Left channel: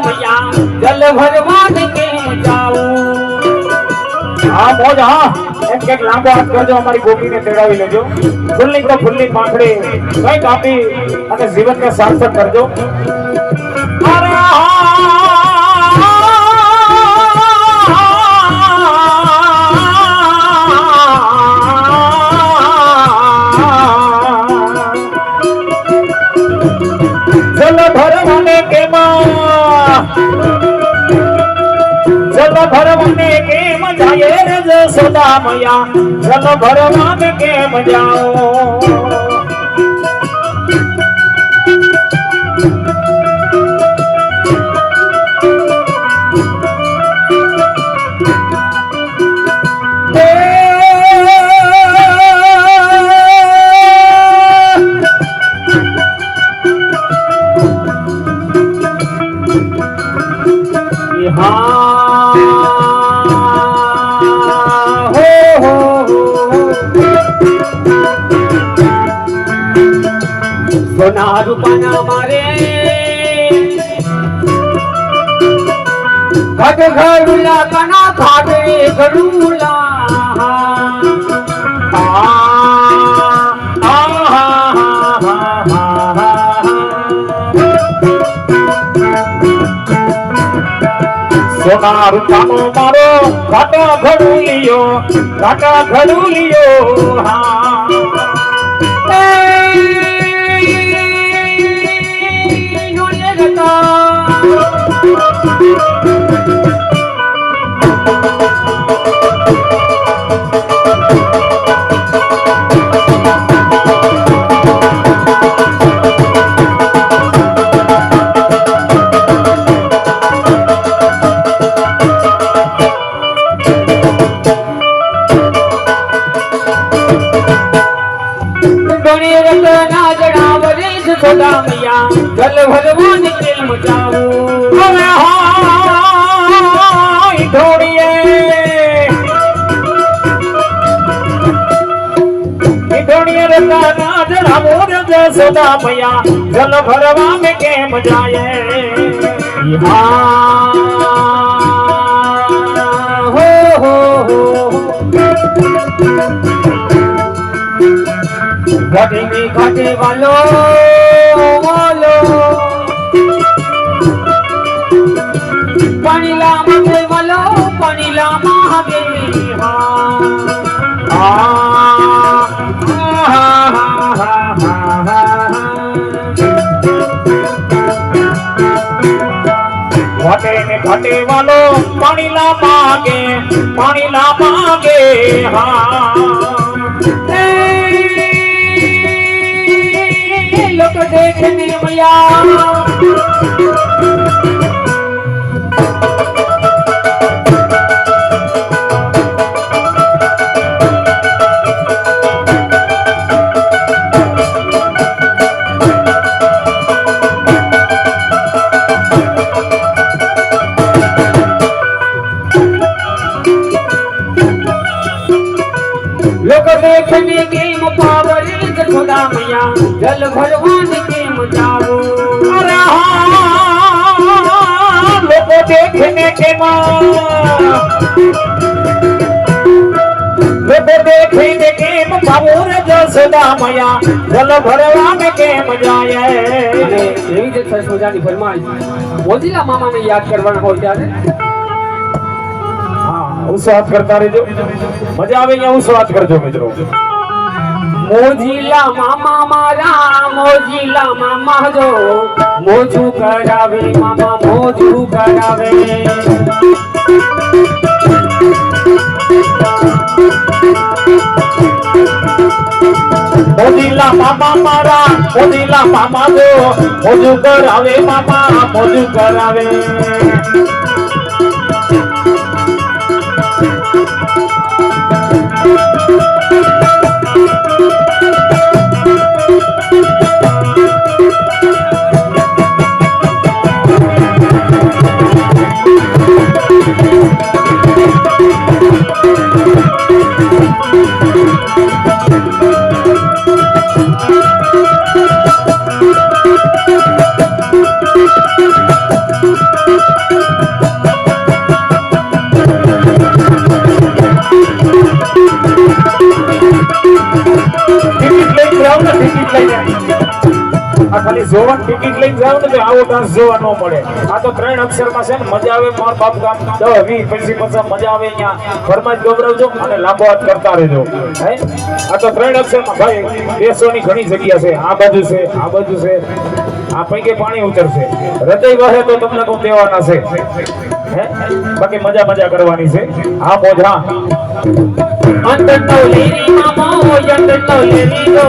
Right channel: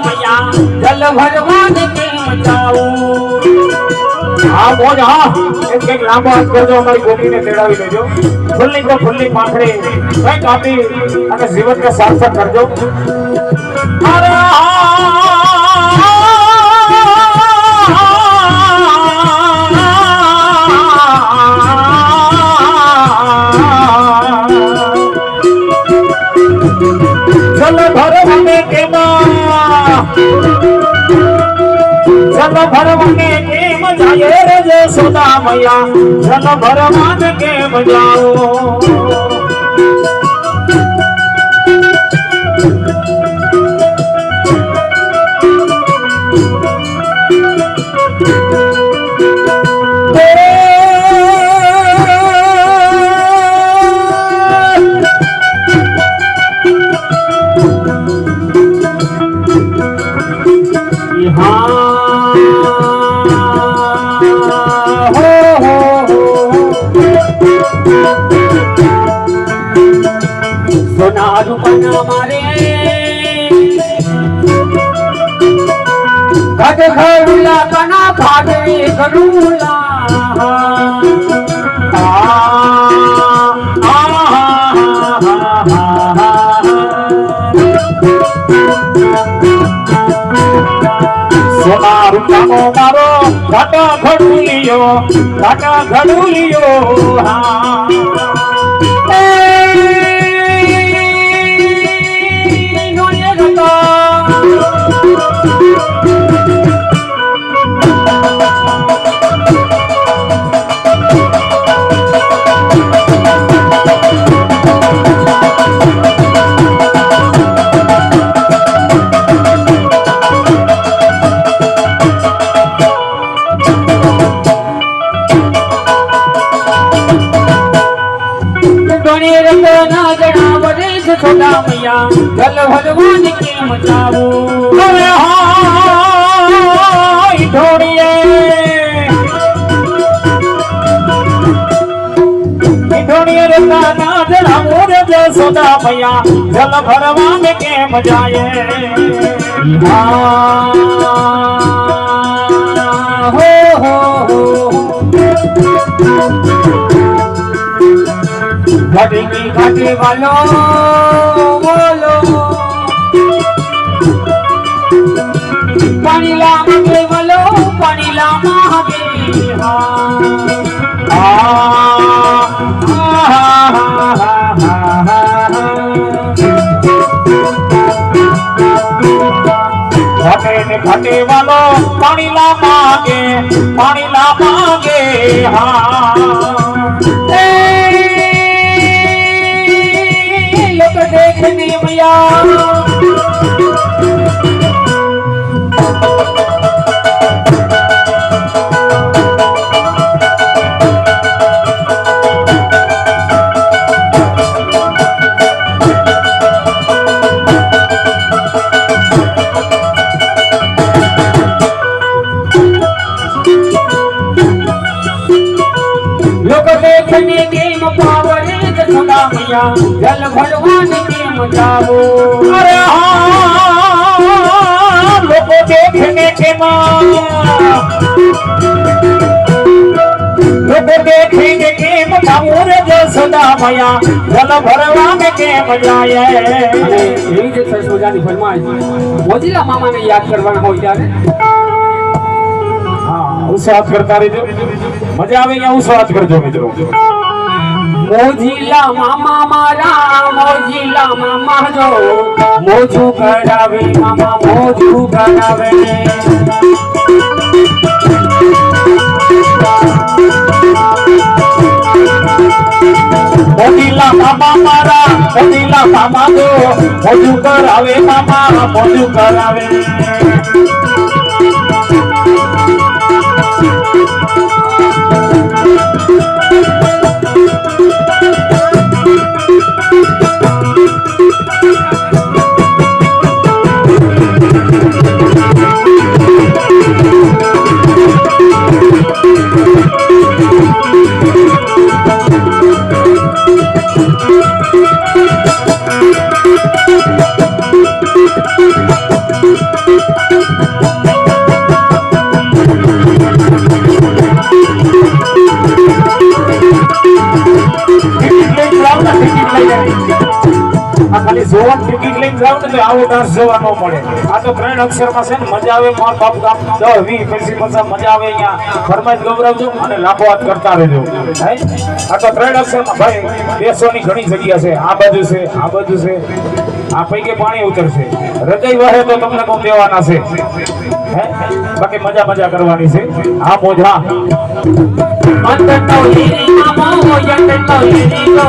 मैया जल भरवान के जाऊं। हाँ मोज हाँ एक लांबो हाथ करजो અમારી ગોપીને તેડાવી લેજો ફૂલની તો ફૂલની પાંખડી કઈ કાપી અને જીવનને સાર્થક કરજો જલ ભરવાને કેમ જાય રે જશોદા મૈયા જલ ભરવાને કેમ જાઓ ઘડુલા કના ભાવે ઘડુલા સોના રૂપાનો મારો ઘાટા ઘડુલિયો હા જશોદા મૈયા જલ ભરવાન કેમ જાવું અરે હાય ઢોળીએ રતા ના જણાવો રે જશોદા મૈયા જલ ભરવાન કેમ જાય હો ઘટી વાલો બોલો પાણી લાગે વાલો પાણી લાગે ઘટે વાલો પાણી લાગે હા लोग देखने मैया लोग देखने के पावरे जशोदा मैया जल भरवान केम जाओ अरे हाँ लोग देखने के देखेंगे केम जाओ रे जशोदा मैया जल भरवान केम जाए એવી જે જશોદાની ફરમાઈશ મોજીલા મામાને યાદ કરવાના હોય ત્યારે હું સ્વાદ કરતા રહેજો મજા આવે અહીંયા હું સ્વાદ કરજો મિત્રો મોજીલા મામા મારા મોજીલા મામા જો મોજું કરાવે મામા મોજું કરાવે મોજીલા મામા મારા મોજીલા મામા જો મોજું કરાવે મામા મોજું કરાવે લઈ જાય. આ ખાલી જોવાનું ટિકિટ લઈને જાવ ને તો આવો ડાન્સ જોવા ન મળે. આ તો 3 અક્ષરમાં છે ને મજા આવે. માર બાપ ગામ 10 20 50 50 મજા આવે. અહીંયા ફરમાઈશ ગોબરાવજો અને લાંબો હાથ કરતા રહેજો. હે આ તો 3 અક્ષરમાં ભાઈ બેસવાની ઘણી જગ્યા છે. આ બાજુ છે, આ બાજુ છે. આ પૈકી પાણી ઉતરશે. હૃદય વહે તો તમને કોણ દેવાના છે. હે બાકી મજા કરવાની છે. હા મોઢા અંદર તો લેરી મામો અંદર તો લેરી લો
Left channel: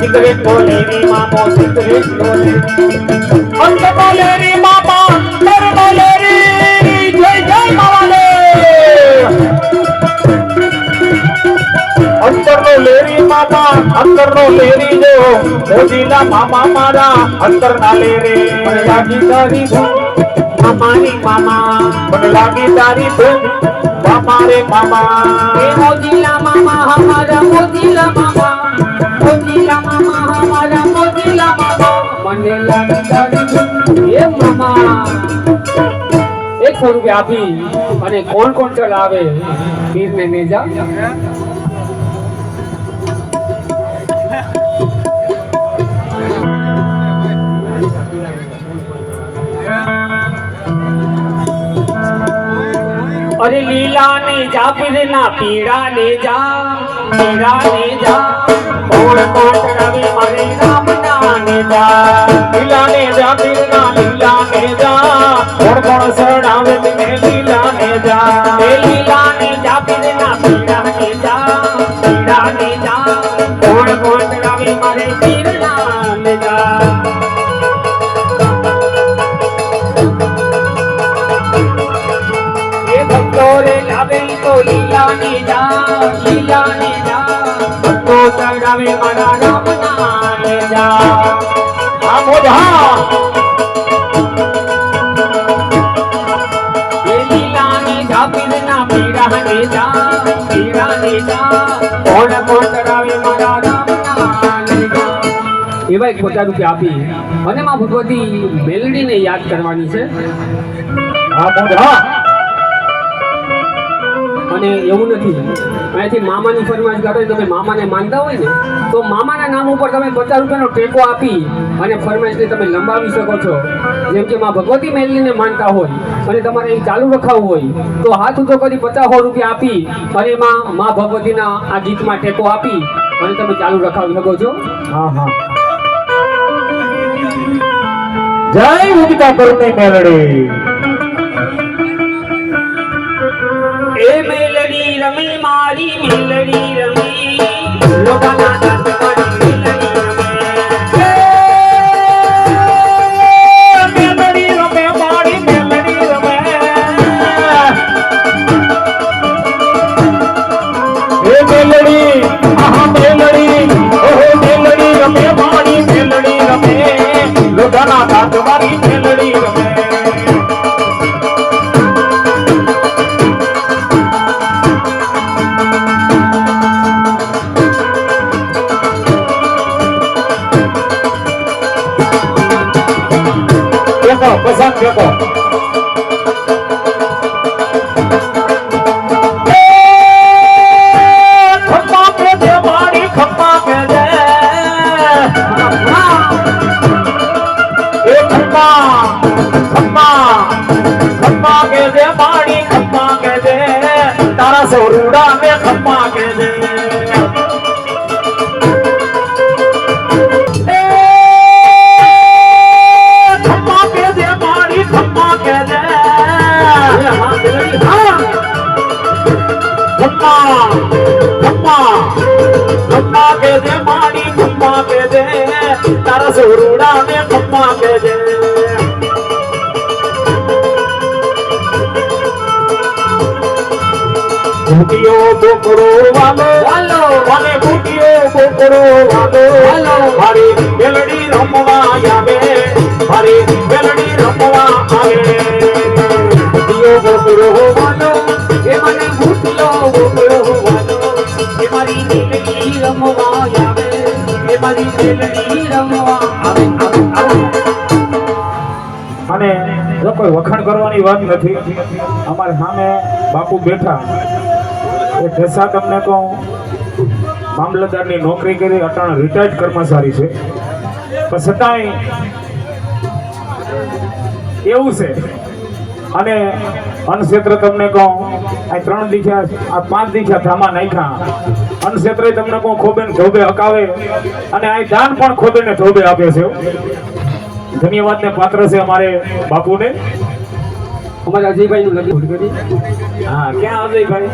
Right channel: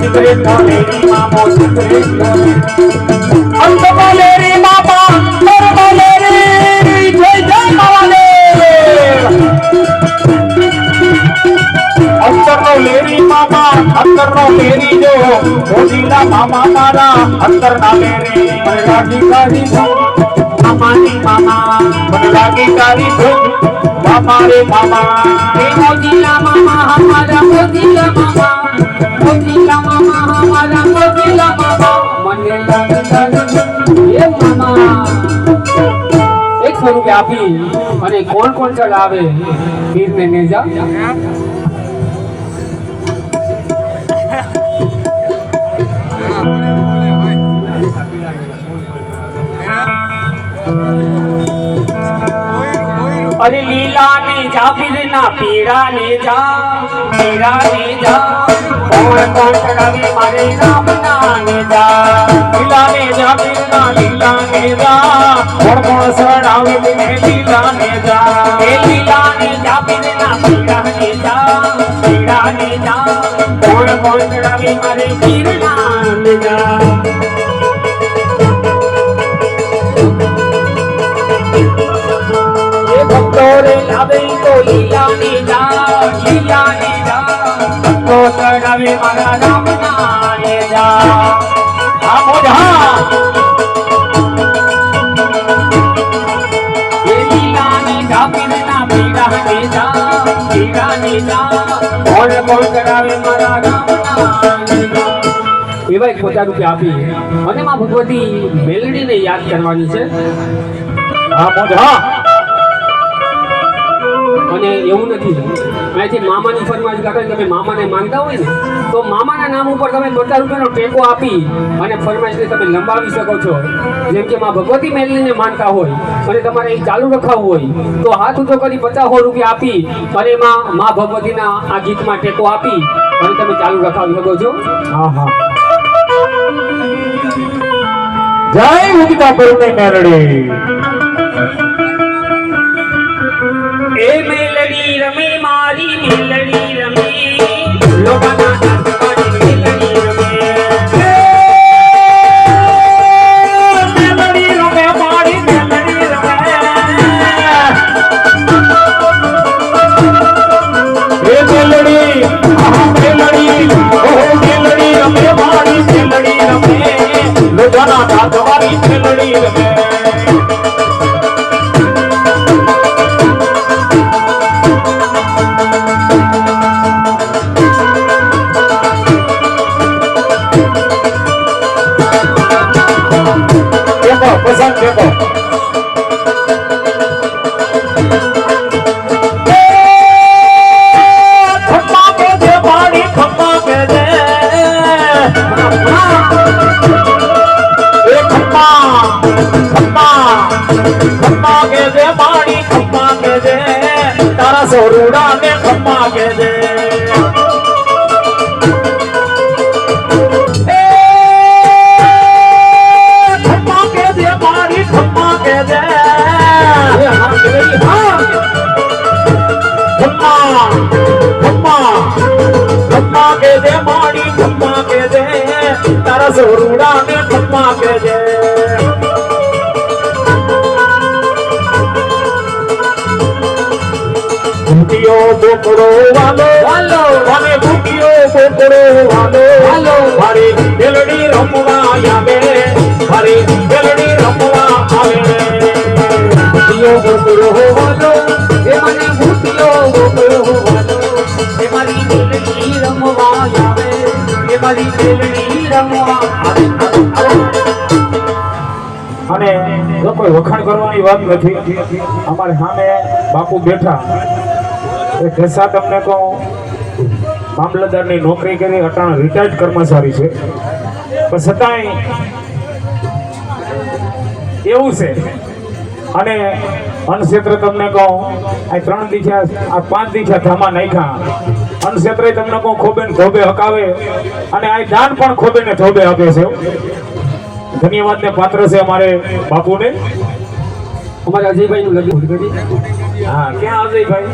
સિગરેટ તો લેરી મામો સિગરેટ અંદર તો લેરી મામો અંદર તો લેરી જય જય માવાલે અંતરનો લેરી મામા અંતરનો લેરી જો મોજીલા મામા મારા અંતરના લેરી મને લાગી તારી ધૂન મામાની મામા મને લાગી તારી ધૂન મામા રે મામા એ મોજીલા મામા હમારા મોજીલા મામા હમારા મોજીલા મામા મને લાગી તારી ધૂન એ મામા 100 રૂપિયા આપી અને કોણ ચલાવે પીરને નેજા अरे लीला ने जा फिर ना पीड़ा ने जा कौन चढ़ावे मारे राम नाने जा લીલા ને જા પીરના લીલા ને જા કોણ શરણાવે મને લીલા ને જા ए लीला ने जा फिर ना पीड़ा ने जा कौन चढ़ावे मारे पीर नाने जा ए भक्तो रे लावे तो लीला ने जा तो चढ़ावे मारा राम नाने जा આ મોઢા ये लीला ने जा फिर ना पीड़ा ने जा कौन चढ़ावे मारा राम नाने जा એવા 50 રૂપિયા આપી અને માં ભગવતી મેલડીને યાદ કરવાની છે આ મોઢા અને એવું નથી અહીંથી મામાની ફરમાઈશ ગાતો તમે મામાને માનતા હોય ને તો મામાના નામ ઉપર તમે 50 રૂપિયાનો ટેકો આપી અને ફરમાઈશને તમે લંબાવી શકો છો. જેમ કે માં ભગવતી મેલડીને માનતા હોય અને તમારે એ ચાલુ રખાવવું હોય તો હાથ ઊંચો કરી 50 રૂપિયા આપી અને એમાં માં ભગવતીના આ ગીતમાં ટેકો આપી અને તમે ચાલુ રખાવી શકો છો. હા જય ઉગતા કરુણી મેલડી એ મેલડી રમે મારી મેલડી રમે લોકાના મારી મેલડી રમે મેલડી રમે મારી મેલડી રમે એ મેલડી મેલડી ઓહો મેલડી રમે મારી મેલડી રમે લોકાના કાંઠ મારી મેલડી રમે પસંદ દેખો ખમ્મા કે છે પાણી ખમ્મા કે છે એ ખમ્મા કે છે પાણી ખમ્મા કે છે તારા સોરુડા ને ખમ્મા કે છે ખમ્મા કે દે માડી ખમ્મા કે દે તારા સોરુડા ને ખમ્મા કે દે ભૂતિયો બોકડો વાલો મને ભૂતિયો બોકડો વાલો મારી મેલડી રમવા આવે મારી મેલડી રમવા આવે ભૂતિયો બોકડો વાલો એ મને ભૂતિયો બોકડો વાલો એ મારી મેલડી રમવા આવે એ મારી મેલડી રમવા આવે અને કોઈ વખાણ કરવાની વાત નથી. અમારે સામે બાપુ બેઠા એ ઢસા તમને કહું મામલતદારની નોકરી કરી, અટાણા રિટાયર્ડ કર્મચારી છે, પણ છતાંય એવું છે. અને અન્નક્ષેત્ર તમને કહું, આ 3 દીઠા આ 5 દીઠા ધામા નાખ્યા. અન્નક્ષેત્રે તમને કહું ખોબે ને ધોબે હકાવે, અને આ દાન પણ ખોબે ને ધોબે આપે છે. ધન્યવાદને પાત્ર છે અમારે બાપુને. અમારે અજયભાઈનું લગ્ન કરી. હા, ક્યાં અજયભાઈ?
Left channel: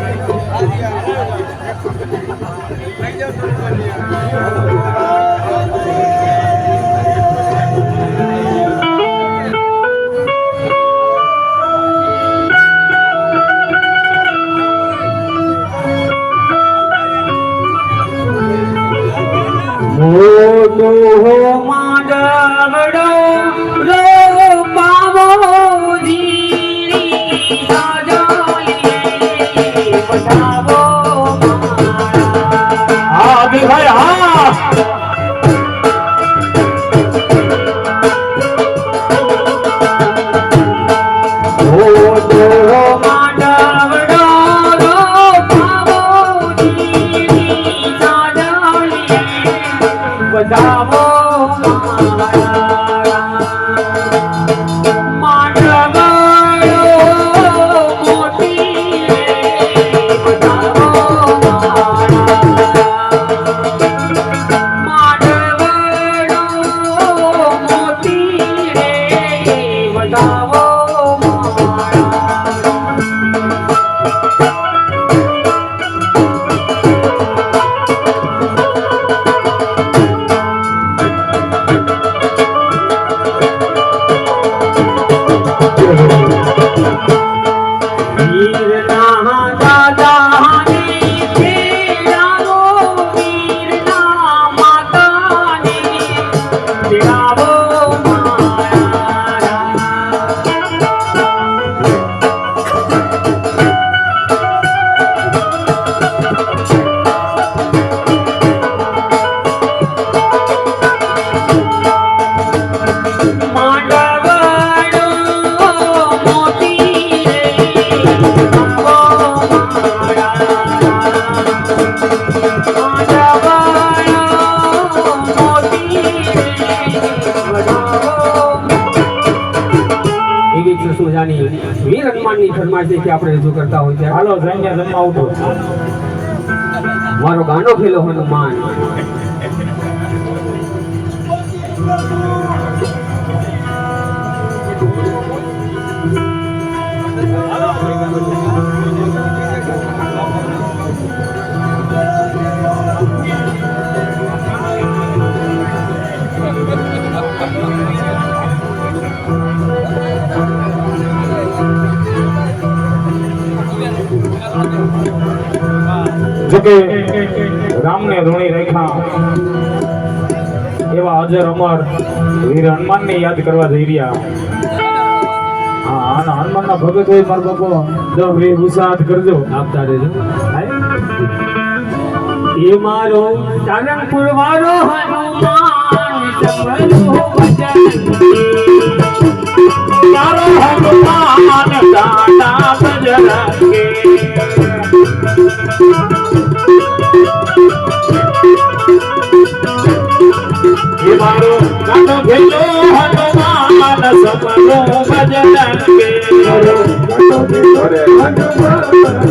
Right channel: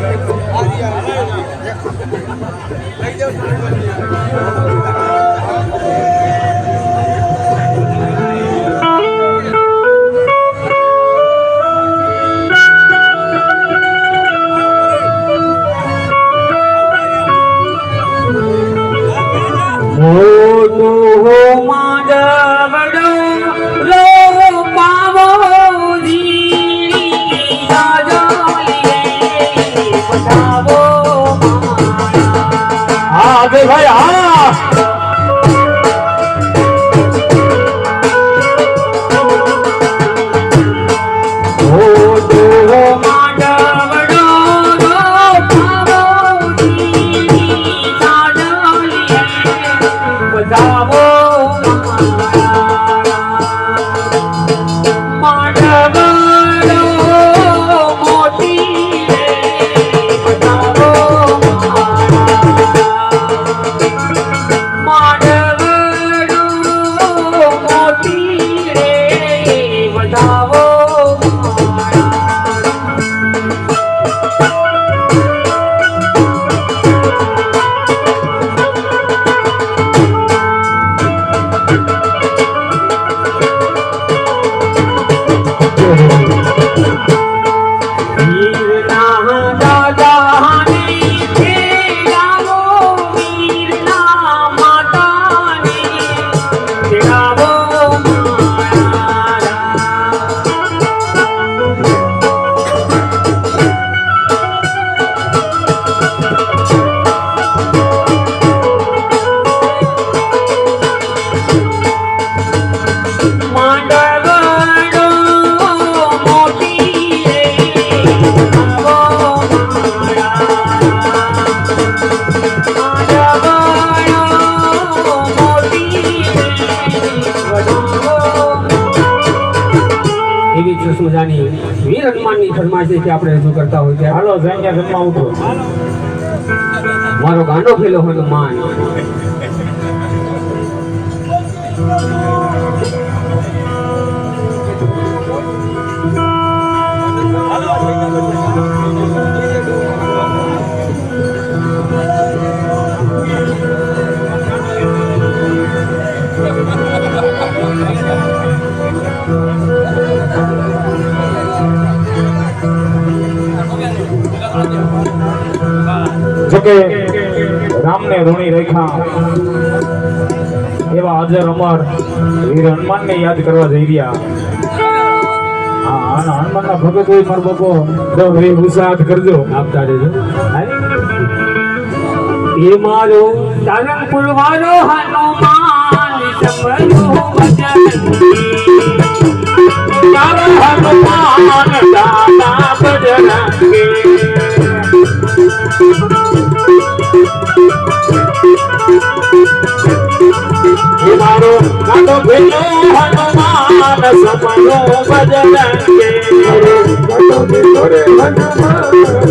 વીર હનુમાનની ફરમાઈશ છે કે આપણે રજૂ કરતા હોય ત્યારે હાલો જઈને જમવા ઉઠો. મારો ગાંડો ફેલો હનુમાન. જોકે રામને ઋણી રેખા એવા અજર અમર વીર હનુમાનને યાદ કરવા જઈ રહ્યા. હા, અને હનુમાનના ભગત હોય મારો બાપો તો એ ઉત્સાહ કરજો. આપતા રહેજો. એ મારો સારંગપુર વાળો હનુમાન સમરો ભજન મારો હનુમાન દાદા બજરંગે. એ મારો ગાંડો ભેલો હનુમાન સમરો ભજનંગે. મારો ગાંડો ભેલો રે હનુમાન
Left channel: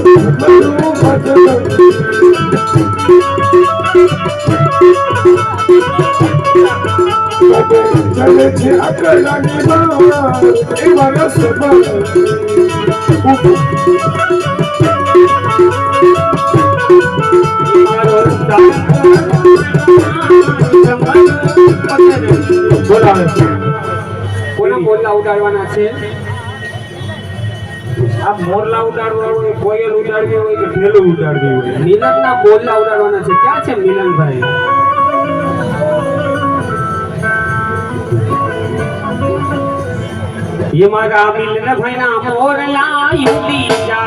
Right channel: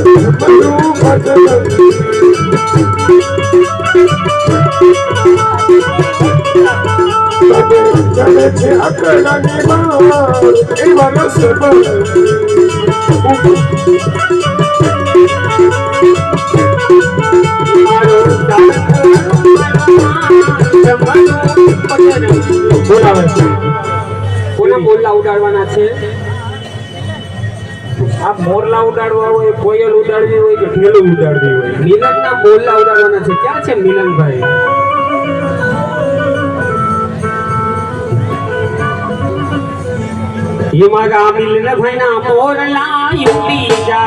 સમરો ભજનંગે. ચલે છે આકડાની માર એવા રસ્તે કોના મોરલા ઉડાડવાના છે? આ મોરલા ઉડાડવા હોય, કોયલ ઉડાડવી હોય કે ઢેલું ઉડાડવી હોય? મિલનના મોરલા ઉડાડવાના છે. ક્યાં છે મિલનભાઈ? એ મારા મિલનભાઈના મોરલા ઉડી જાય.